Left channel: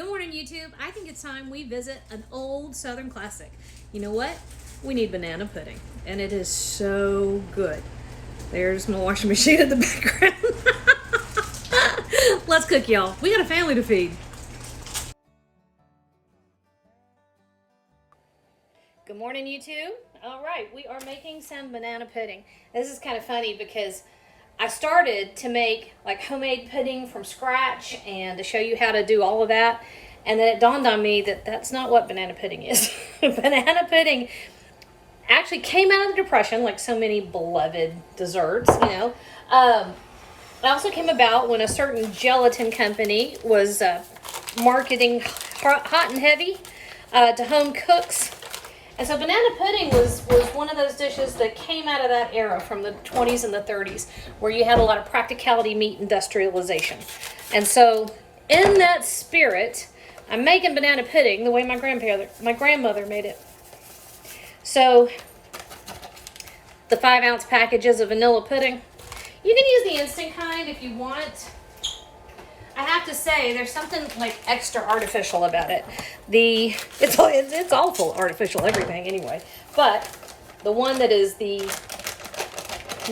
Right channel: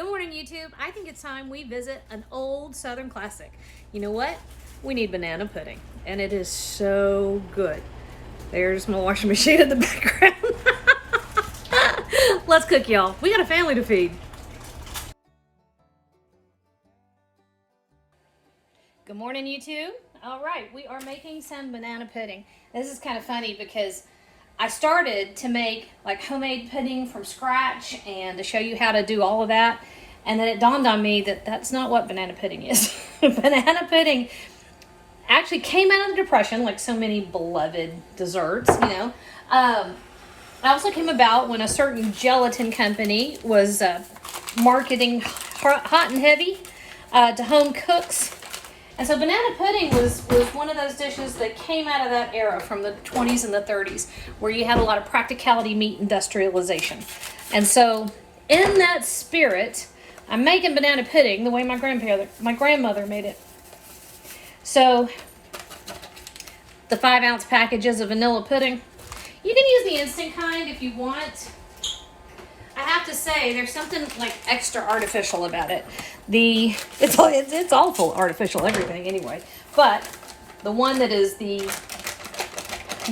Good morning, YouTube. I think it's time we visit an old Southern classic. You know what? We need banana pudding, and it is so good. There's my washing machine in the background. Let's cook, y'all. We got a family to feed. Good morning, YouTube. All right, we are making some banana pudding. This is kind of funny because I started to make like homemade pudding from scratch and to show you how to do all of that. And then it dawned on me that that's not what banana pudding is. Banana pudding actually came out of the Depression, like so many beloved desserts, you know. It also came about when a certain gelatin company was marketing hot and heavy to home cooks. And so banana pudding was one of those dishes that came out of that era from the 20s and the 30s, where you had a lot of practicality meet industrialization. And so in that spirit, I'm making banana pudding the way my grandmother made it. So the 5-ounce packages of vanilla pudding. You can use the instant kind if you want. I have to say, there's something like extra artificial about it. It's awful artificial everything anyway. But the one that is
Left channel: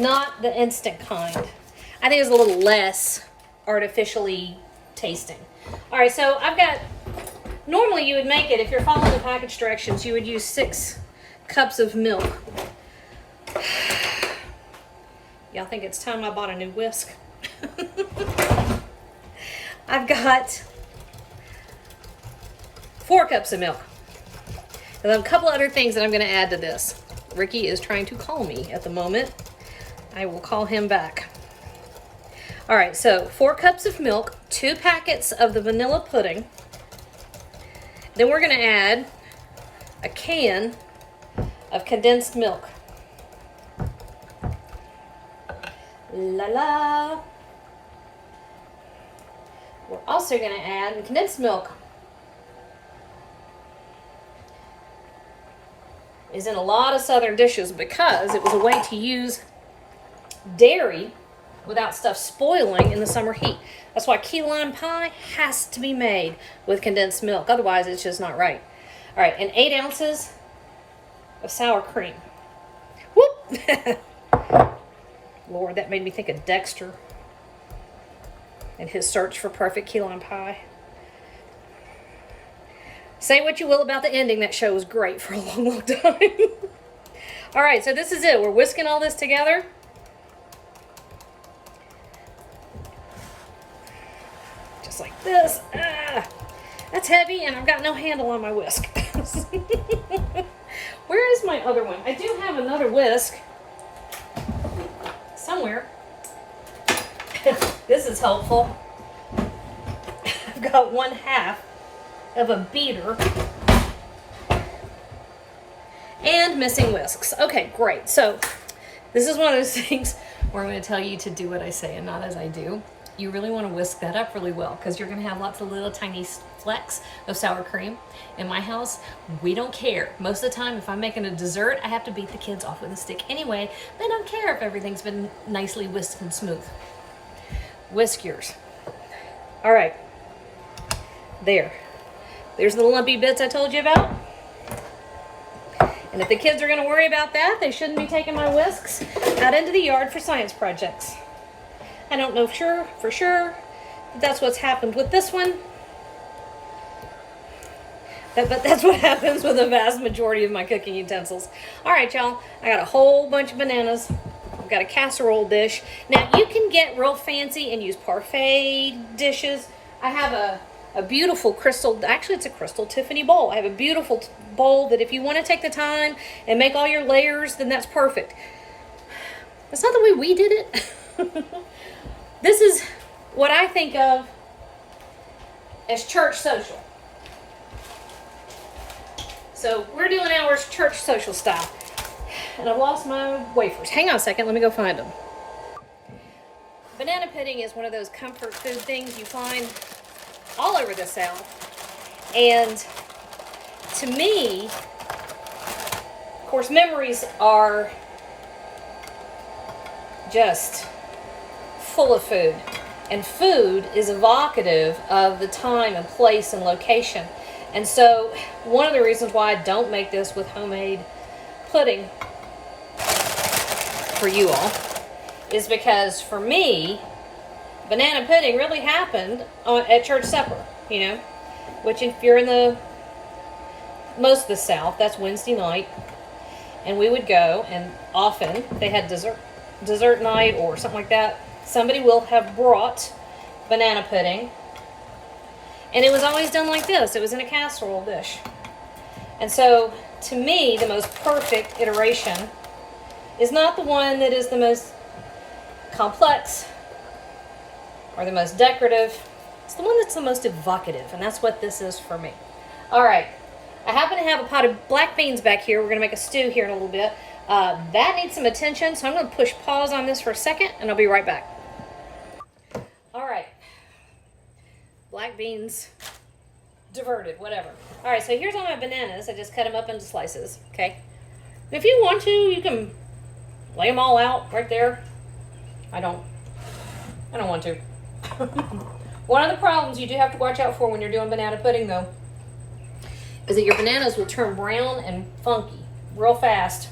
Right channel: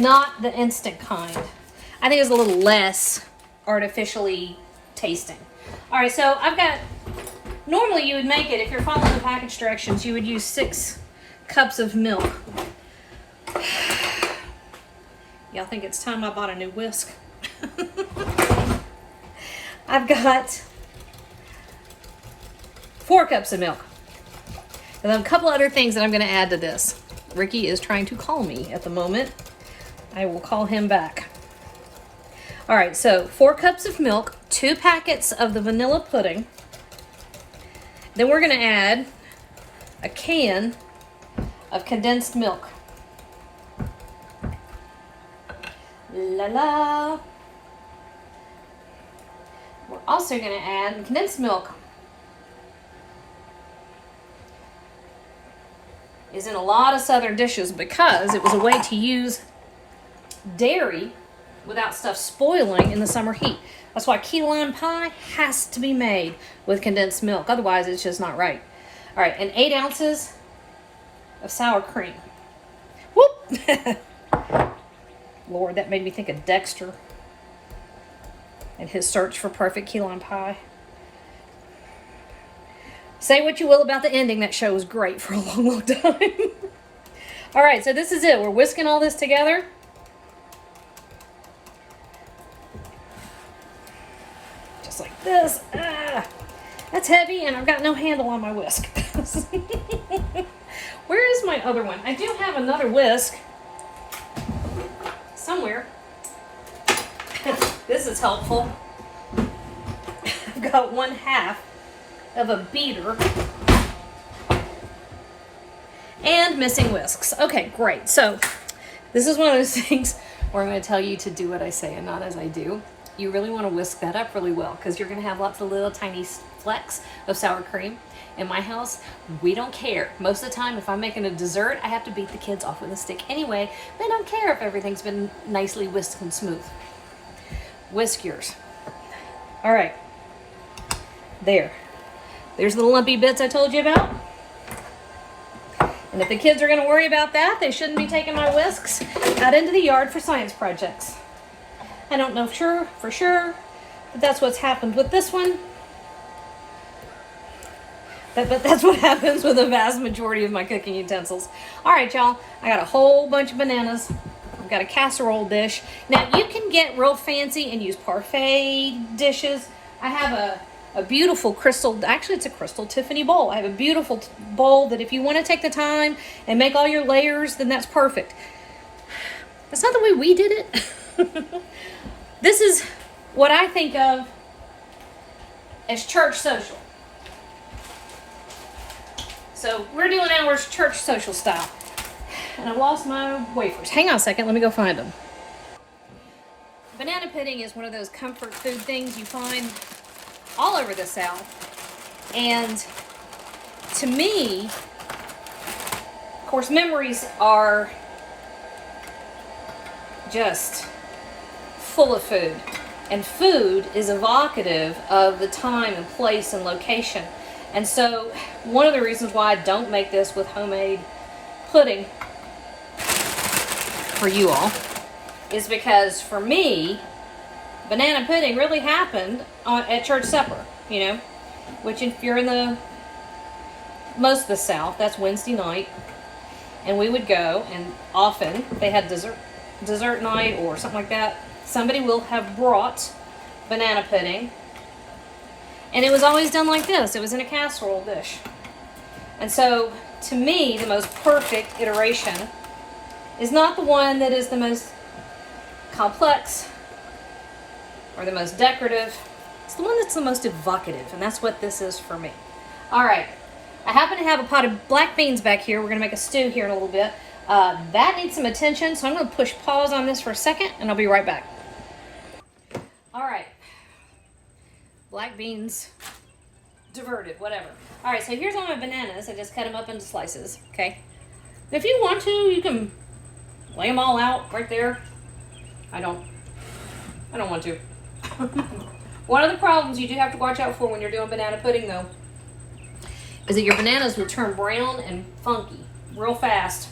not the instant kind, I think is a little less artificially tasting. All right, so I've got, normally you would make it, if you're following the package directions, you would use 6 cups of milk. Y'all think it's time I bought a new whisk? I've got 4 cups of milk. And then a couple other things that I'm going to add to this. Ricky is trying to call me at the moment. I will call him back. All right, so 4 cups of milk, 2 packets of the vanilla pudding. Then we're going to add a can of condensed milk. La la. We're also going to add condensed milk. Is in a lot of Southern dishes because it was a way to use dairy without stuff spoiling in the summer heat. That's why key lime pie has to be made with condensed milk. Otherwise, it's just not right. All right, and 8 ounces of sour cream. Whoop! Lord, that made me think of Dexter and his search for perfect key lime pie. Say what you will about the ending, that show was great for a long, long time. All right, so this is it. We're whisking all this together. Just like this. Ah, that's heavy, and I've got no handle on my whisk. Where is my other one? I do have another whisk somewhere. This is helpful. I've got 1/2 of a beater and missing whisks. Okay, great. So this is one of those things where I'm going to tell you to do what I say and not as I do. You really want to whisk that up really well because you're going to have lots of little tiny flecks of sour cream. In my house, we don't care. Most of the time, if I'm making a dessert, I have to beat the kids off with a stick anyway. They don't care if everything's been nicely whisked and smooth. Whisk yours. All right. There's the lumpy bits I told you about. And if the kids are going to worry about that, they shouldn't be taking my whisks out into the yard for science projects. I don't know for sure, but that's what's happened with this one. But that's what happens with the vast majority of my cooking utensils. All right, y'all. I got a whole bunch of bananas. I've got a casserole dish. Now, you can get real fancy and use parfait dishes. I have a beautiful crystal, actually it's a crystal Tiffany bowl. I have a beautiful bowl that if you want to take the time and make all your layers, then that's perfect. That's not the way we did it. This is what I think of as church social. So we're doing ours church social style. And I've lost my wafers. Hang on a second, let me go find them. Banana pudding is one of those comfort food things you find all over the South. And to me, of course, memories are just full of food. And food is evocative of the time and place and location. And so one of the reasons why I don't make this with homemade pudding for you all is because for me, banana pudding really happened at church supper, you know, which if you're in the most of the South, that's Wednesday night. And we would go, and often they had dessert night or something like that. Somebody will have brought banana pudding, and it was always done like this. It was in a casserole dish. And so, to me, the most perfect iteration is not the one that is the most complex or the most decorative. It's the one that's the most evocative, and that's what this is for me. All right, I happen to have a pot of black beans back here. We're gonna make a stew here in a little bit. That needs some attention, so I'm gonna push pause on this for a second, and I'll be right back. All right, black beans diverted, whatever. All right, so here's all my bananas. I just cut them up into slices, okay? And if you want to, you can lay them all out right there. I don't want to. One of the problems you do have to watch out for when you're doing banana pudding, though, is that your bananas will turn brown and funky real fast.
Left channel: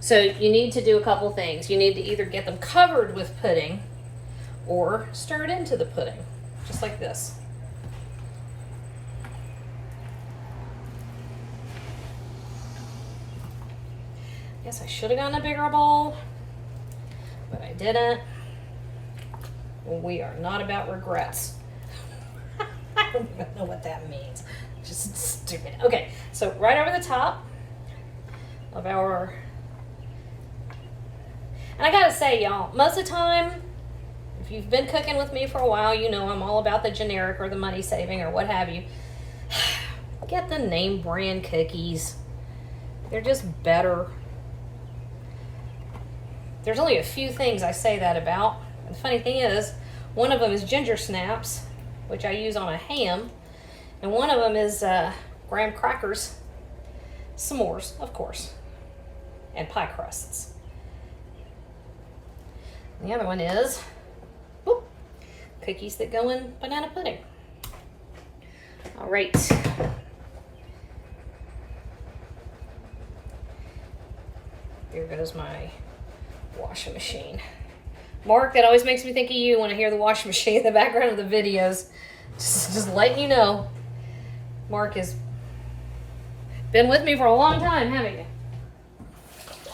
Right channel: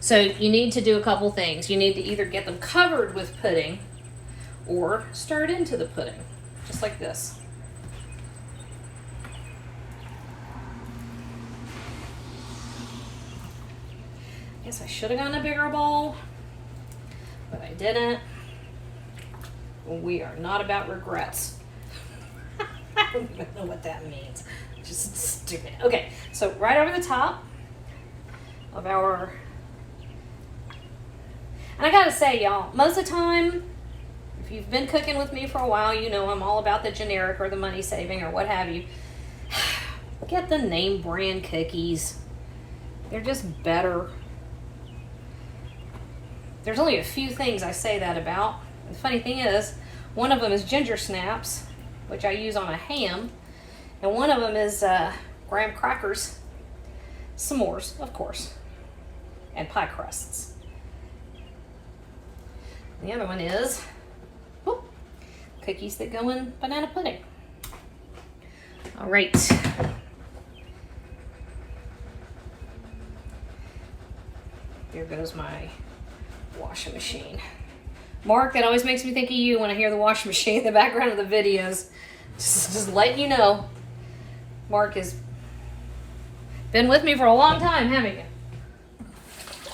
So you need to do a couple things. You need to either get them covered with pudding or stir it into the pudding, just like this. Guess I should have gotten a bigger bowl, but I didn't. Well, we are not about regrets. I don't even know what that means. Just stupid. Okay, so right over the top of our, and I gotta say, y'all, most of the time, if you've been cooking with me for a while, you know I'm all about the generic or the money saving or what have you. Get the name brand cookies. They're just better. There's only a few things I say that about. And the funny thing is, one of them is ginger snaps, which I use on a ham. And one of them is graham crackers, s'mores, of course, and pie crusts. And the other one is cookies that go in banana pudding. All right. Here goes my washing machine. Mark, that always makes me think of you when I hear the washing machine in the background of the videos. Just letting you know. Mark has been with me for a long time, haven't you?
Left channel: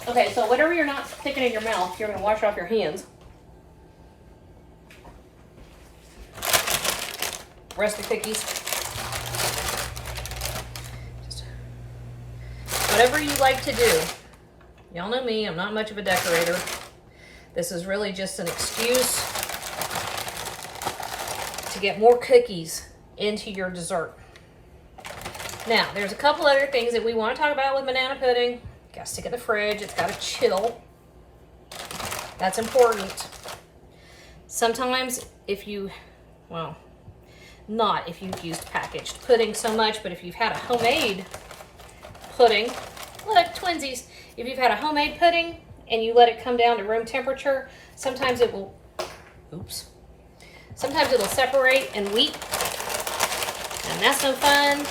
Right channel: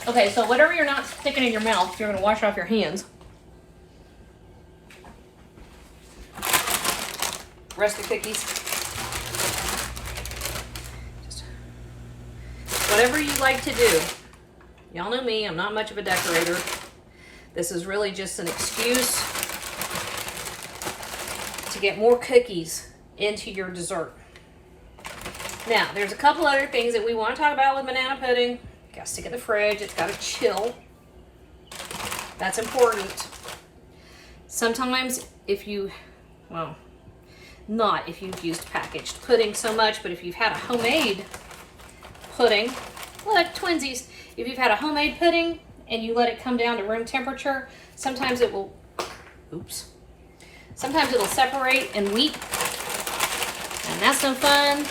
Okay, so whatever you're not sticking in your mouth, you're going to wash off your hands. Rest of the cookies. Just whatever you like to do. Y'all know me, I'm not much of a decorator. This is really just an excuse to get more cookies into your dessert. Now, there's a couple other things that we want to talk about with banana pudding. Got to stick it in the fridge. It's got to chill. That's important. Sometimes if you, well, not if you've used packaged pudding so much, but if you've had a homemade pudding, like twinsies, if you've had a homemade pudding and you let it come down to room temperature, sometimes it will, sometimes it'll separate and weep, and that's no fun.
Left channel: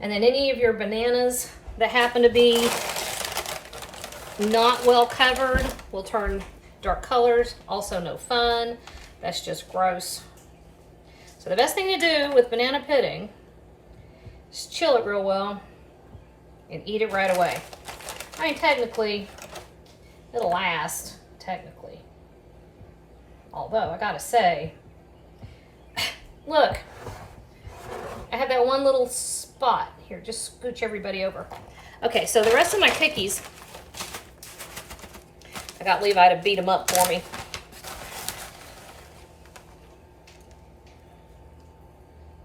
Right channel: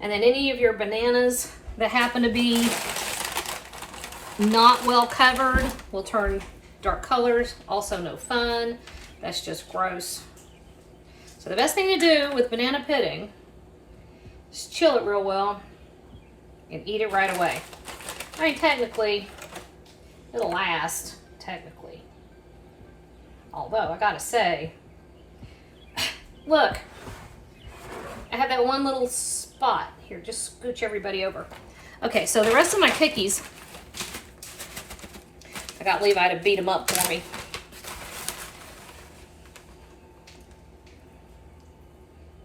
And then any of your bananas that happen to be not well covered will turn dark colors, also no fun. That's just gross. So the best thing to do with banana pudding is chill it real well and eat it right away. I mean, technically, it'll last, technically. Although, I gotta say, look, I have that one little spot. Here, just scooch everybody over. Okay, so the rest of my cookies, I got Levi to beat them up for me.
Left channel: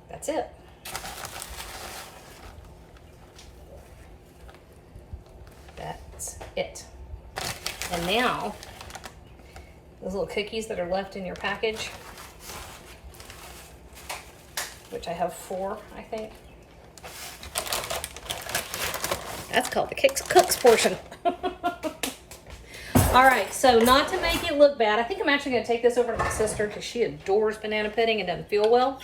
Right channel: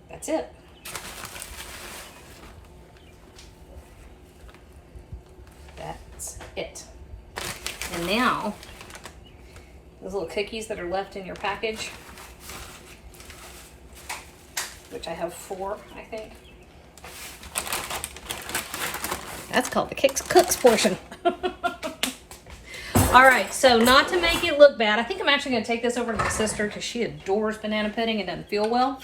That's it. That's it. And now, those little cookies that are left in your package, which I have 4, I think. That's called the cooks portion. All right, so not to make it look bad, I think I'm actually gonna take this over to my sister because she adores banana pudding and doesn't feel well.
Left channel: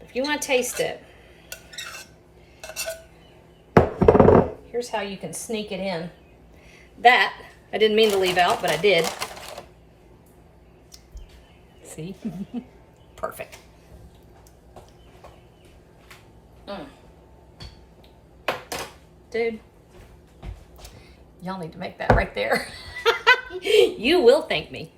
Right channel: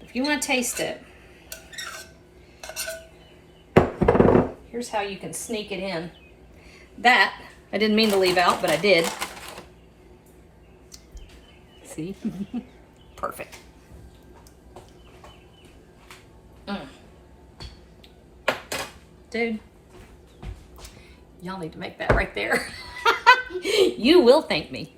If you wanna taste it, here's how you can sneak it in. That, I didn't mean to leave out, but I did. See? Perfect. Dude, y'all need to make that right there. You will thank me.